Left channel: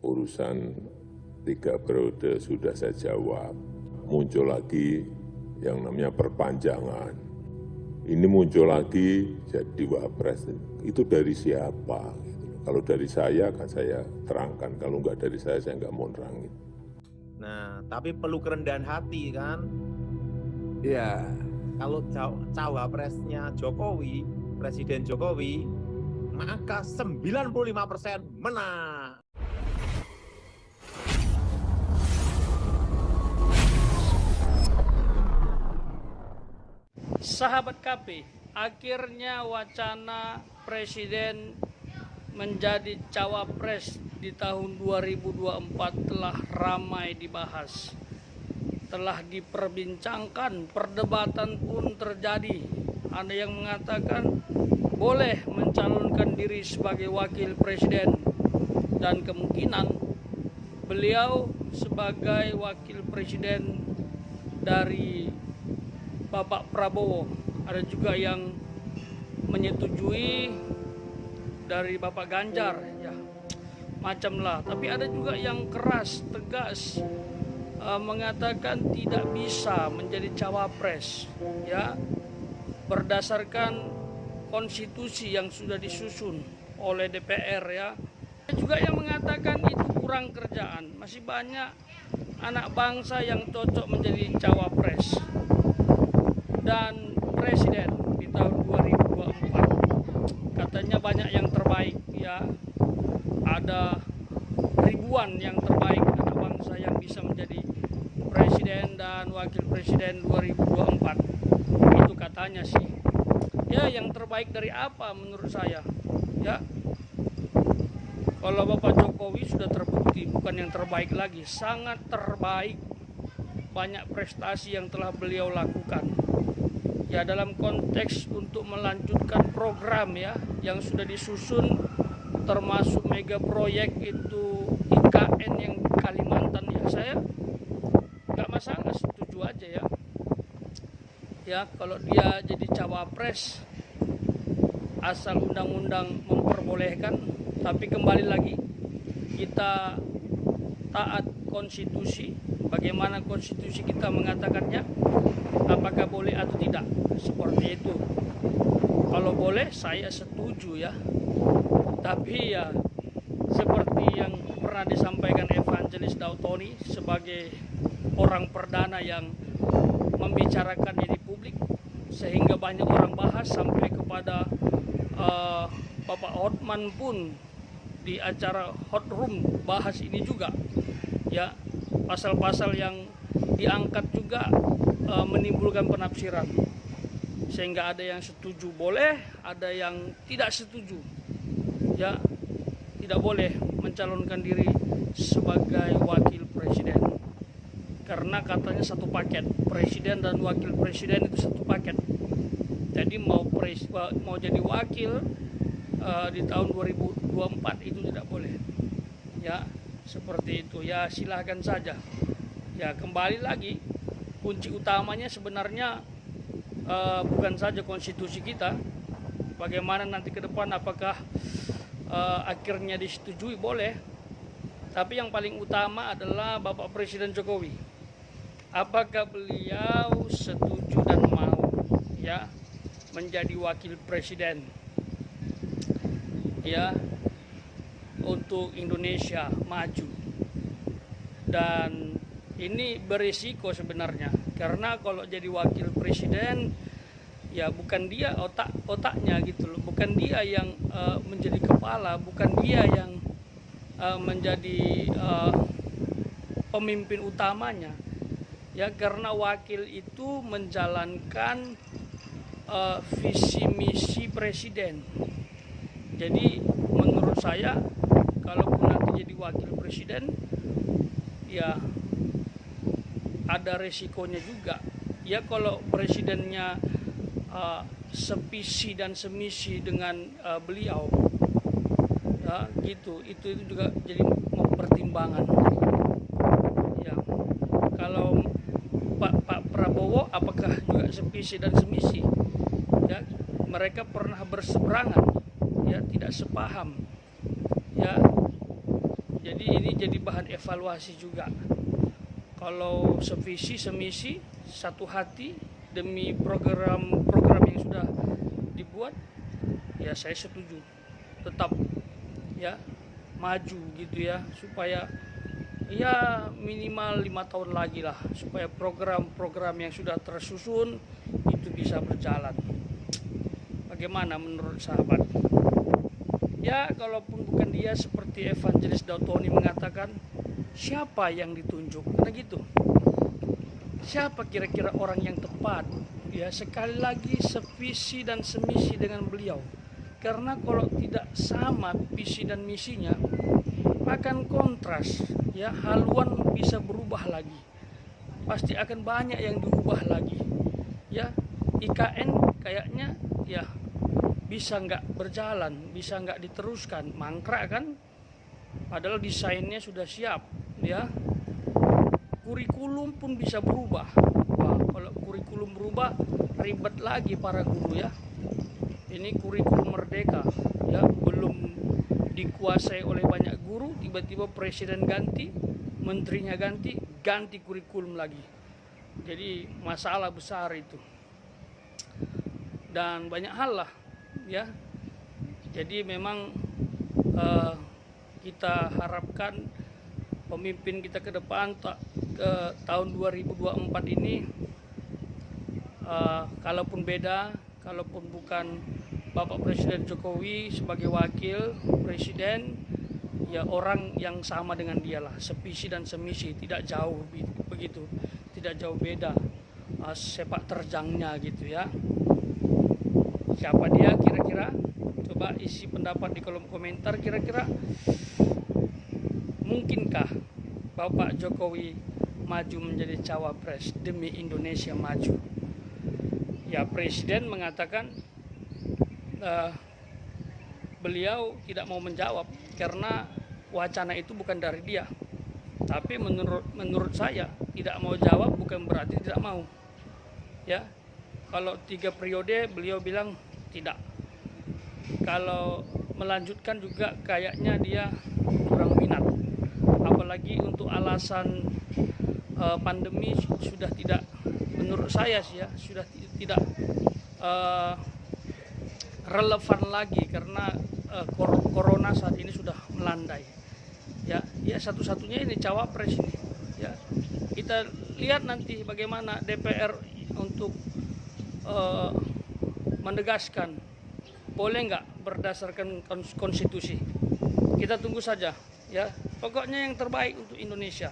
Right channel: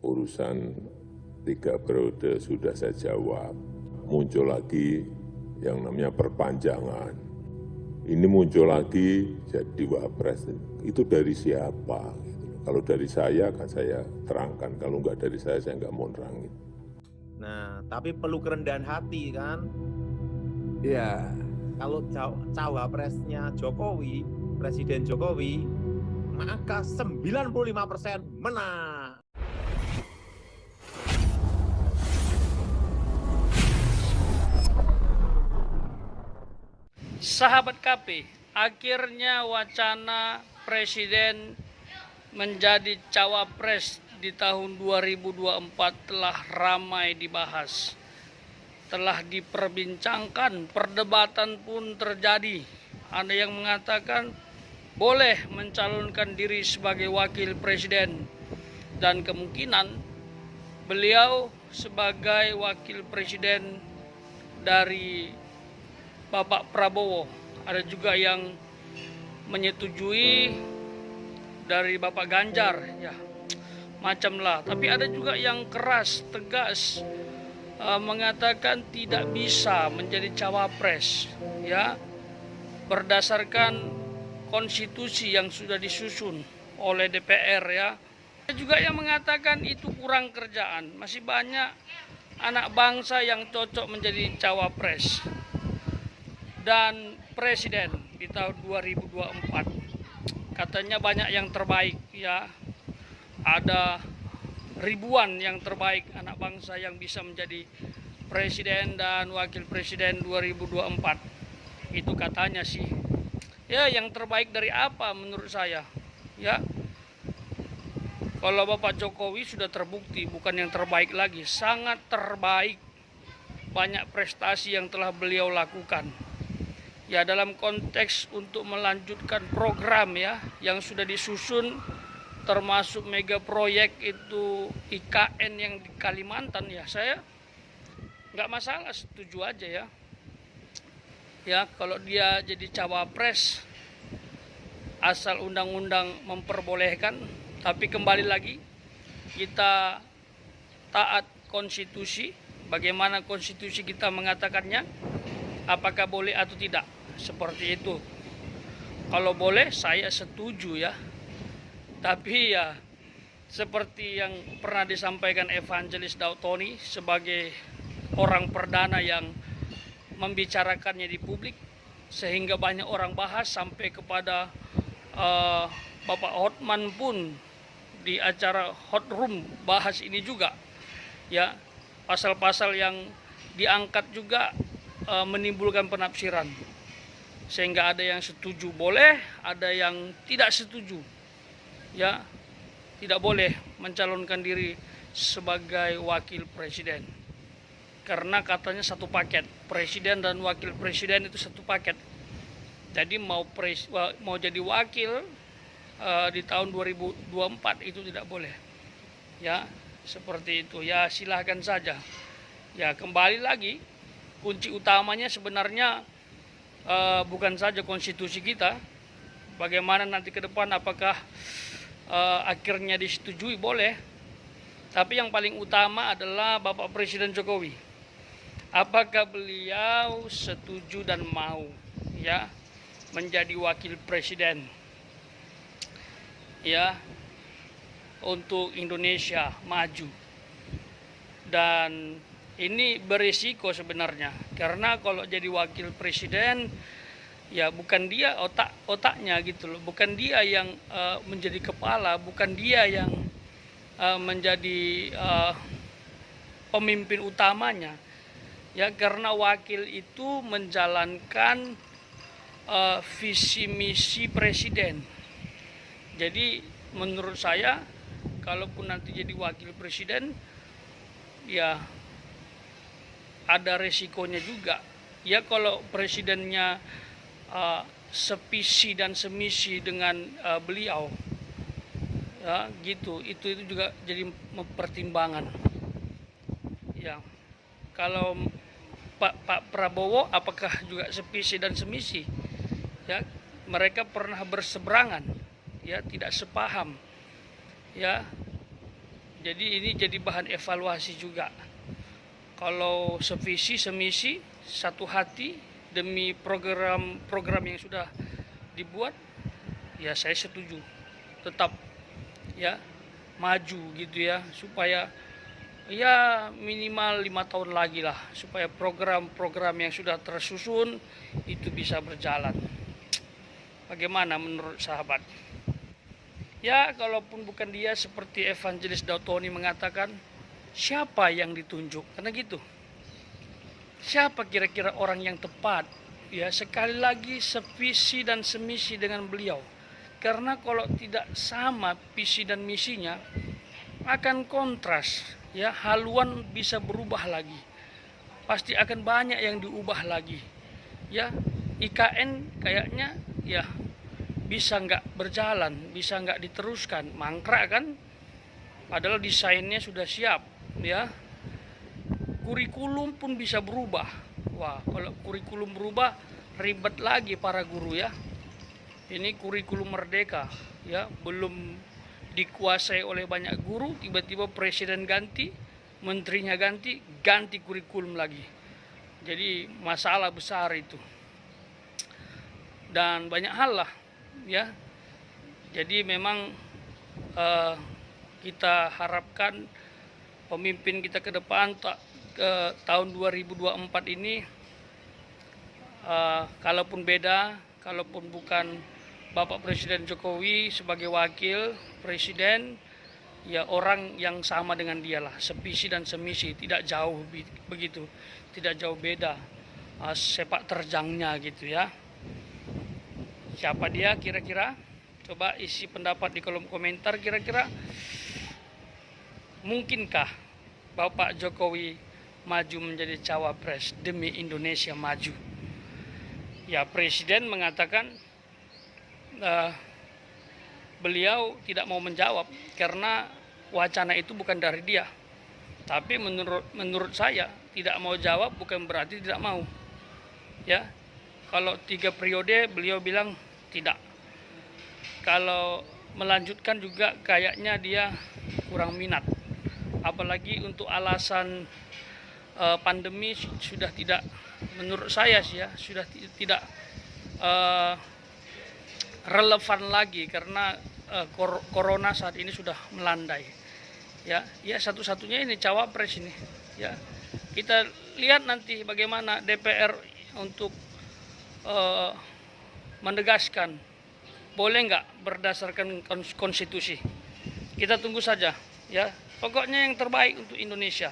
urusan 3 periode sudah saya jawab. Muncul lagi yang namanya perpanjangan. Ini muncul lagi jadi wapres. Itu dari siapa? Kalau dari saya akan saya terangkan. Kalau nggak dari saya nggak mau nerangin. Nah, tapi perlu kerendahan hati kan. Iya. Kalau cawapresnya Jokowi, Presiden Jokowi, maka 95% menang. Sahabat KP, akhirnya wacana Presiden menjadi cawapres di tahun 2024 telah ramai dibahas. Telah diperbincangkan, perdebatan pun terjadi. Ada yang mengatakan boleh mencalonkan diri sebagai wakil presiden dan kemungkinan beliau sebagai wakil presiden dari Bapak Prabowo. Ada juga yang menyetujui dari Bapak Ganjar, ya macam lah. Tapi ada juga yang keras, tegas, mengatakan tidak bisa menjadi cawapres, ya berdasarkan konstitusi yang sudah disusun oleh DPR, ya. Ada juga yang mengatakan itu kurang kerjaan, masih banyak anak bangsa yang cocok menjadi cawapres dan presiden di tahun 2024. Katanya banyak yang terbaik, ya. Ada ribuan yang terbaik anak bangsa yang bisa menjadi presiden dan wakil presiden 2024. Itu katanya sih. Ya, yang terbaik dari apa menurut saya? Ya. Kalau Bapak Jokowi sudah terbukti bukan yang terbaik lagi, sangat terbaik. Banyak prestasi yang telah beliau lakukan. Ya, dalam konteks untuk melanjutkan program, ya, yang sudah disusun, termasuk mega proyek itu IKN yang di Kalimantan, ya saya nggak masalah, setuju aja, ya. Ya, kalau dia jadi cawapres asal undang-undang memperbolehkan, tapi kembali lagi kita taat konstitusi. Bagaimana konstitusi kita mengatakannya, apakah boleh atau tidak, seperti itu. Kalau boleh saya setuju, ya. Tapi ya seperti yang pernah disampaikan Evangelis Dautoni sebagai orang perdana yang membicarakannya di publik, sehingga banyak orang bahas sampai kepada Bapak Hotman pun di acara Hot Room bahas ini juga, ya. Pasal-pasal yang diangkat juga menimbulkan penafsiran, sehingga ada yang setuju boleh, ada yang tidak setuju, ya, tidak boleh mencalonkan diri sebagai wakil presiden. Karena katanya satu paket, presiden dan wakil presiden itu satu paket. Jadi mau jadi wakil di tahun 2024 itu tidak boleh. Ya, seperti itu. Ya, silahkan saja. Ya, kembali lagi kunci utamanya sebenarnya bukan saja konstitusi kita. Bagaimana nanti ke depan, apakah akhirnya disetujui, boleh. Tapi yang paling utama adalah Bapak Presiden Jokowi. Apakah beliau setuju dan mau, ya, menjadi wakil presiden, ya, untuk Indonesia maju. Dan ini berisiko sebenarnya, karena kalau jadi wakil presiden, ya bukan dia otaknya gitu loh, bukan dia yang menjadi kepala, bukan dia yang menjadi pemimpin utamanya, ya, karena wakil itu menjalankan visi misi presiden. Jadi menurut saya, kalaupun nanti jadi wakil presiden, ya ada resikonya juga, ya. Kalau presidennya sevisi dan semisi dengan beliau, ya, gitu, itu juga jadi pertimbangan, ya. Kalau Pak Prabowo apakah juga sevisi dan semisi, ya, mereka pernah berseberangan, ya, tidak sepaham, ya. Jadi ini jadi bahan evaluasi juga. Kalau sevisi, semisi, satu hati demi program yang sudah dibuat, ya saya setuju. Tetap ya maju gitu ya, supaya ya minimal 5 tahun lagi lah, supaya program-program yang sudah tersusun itu bisa berjalan. Bagaimana menurut sahabat? Ya, kalaupun bukan dia, seperti Evangelis Dautoni mengatakan, siapa yang ditunjuk? Karena gitu. Siapa kira-kira orang yang tepat? Ya, sekali lagi sevisi dan semisi dengan beliau. Karena kalau tidak sama visi dan misinya, akan kontras. Ya, haluan bisa berubah lagi. Pasti akan banyak yang diubah lagi. Ya, IKN kayaknya ya bisa nggak berjalan, bisa nggak diteruskan, mangkrak kan? Padahal desainnya sudah siap, ya. Kurikulum pun bisa berubah. Wah, kalau kurikulum berubah, ribet lagi para guru ya. Ini kurikulum merdeka, ya, belum dikuasai oleh banyak guru, tiba-tiba presiden ganti, menterinya ganti kurikulum lagi. Jadi masalah besar itu. Dan banyak hal lah. Ya, jadi memang kita harapkan pemimpin kita ke depan ke tahun 2024 ini, kalaupun beda, kalaupun bukan Bapak Presiden Jokowi sebagai wakil presiden, ya orang yang sama dengan dia lah, sevisi dan semisi, tidak jauh begitu, tidak jauh beda sepak terjangnya gitu ya. Siapa dia kira-kira? Coba isi pendapat di kolom komentar. Kira-kira mungkinkah Bapak Jokowi maju menjadi cawapres demi Indonesia maju? Ya, Presiden mengatakan beliau tidak mau menjawab karena wacana itu bukan dari dia. Tapi menurut saya, tidak mau jawab bukan berarti tidak mau. Ya, kalau 3 periode beliau bilang tidak. Kalau melanjutkan juga kayaknya dia kurang minat. Apalagi untuk alasan pandemi sudah tidak, menurut saya sih ya, sudah tidak relevan lagi karena corona saat ini sudah melandai. Ya, satu-satunya ini cawapres ini. Ya, kita lihat nanti bagaimana DPR untuk menegaskan boleh nggak berdasarkan konstitusi. Kita tunggu saja ya. Pokoknya yang terbaik untuk Indonesia.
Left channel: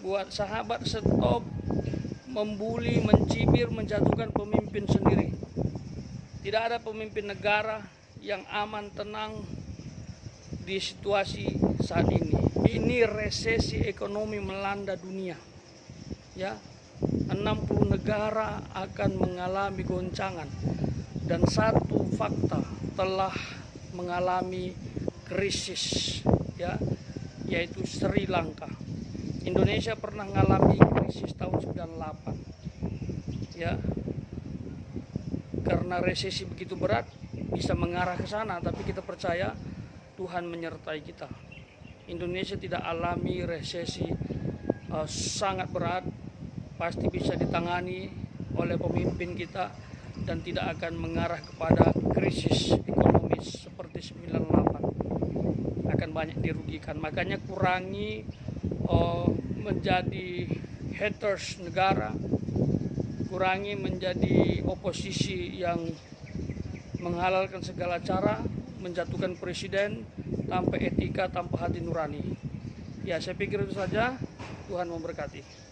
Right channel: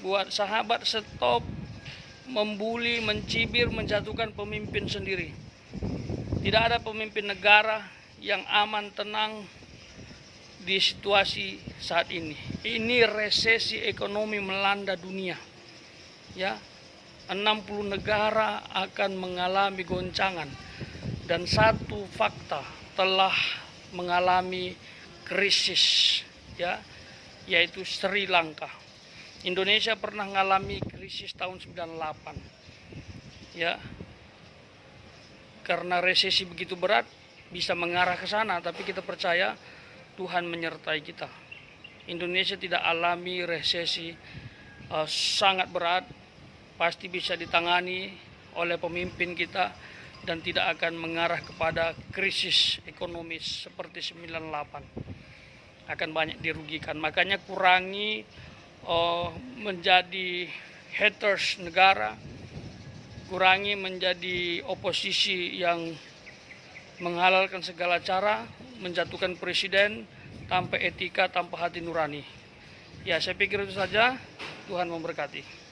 Buat sahabat, stop membuli, mencibir, menjatuhkan pemimpin sendiri. Tidak ada pemimpin negara yang aman, tenang di situasi saat ini. Ini resesi ekonomi melanda dunia. Ya, 60 negara akan mengalami goncangan, dan satu fakta telah mengalami krisis, ya, yaitu Sri Lanka. Indonesia pernah mengalami krisis tahun 98, ya, karena resesi begitu berat bisa mengarah ke sana, tapi kita percaya Tuhan menyertai kita. Indonesia tidak alami resesi sangat berat, pasti bisa ditangani oleh pemimpin kita dan tidak akan mengarah kepada krisis ekonomis seperti 98. Akan banyak dirugikan. Makanya kurangi menjadi haters negara, kurangi menjadi oposisi yang menghalalkan segala cara, menjatuhkan presiden tanpa etika, tanpa hati nurani. Ya, saya pikir itu saja. Tuhan memberkati.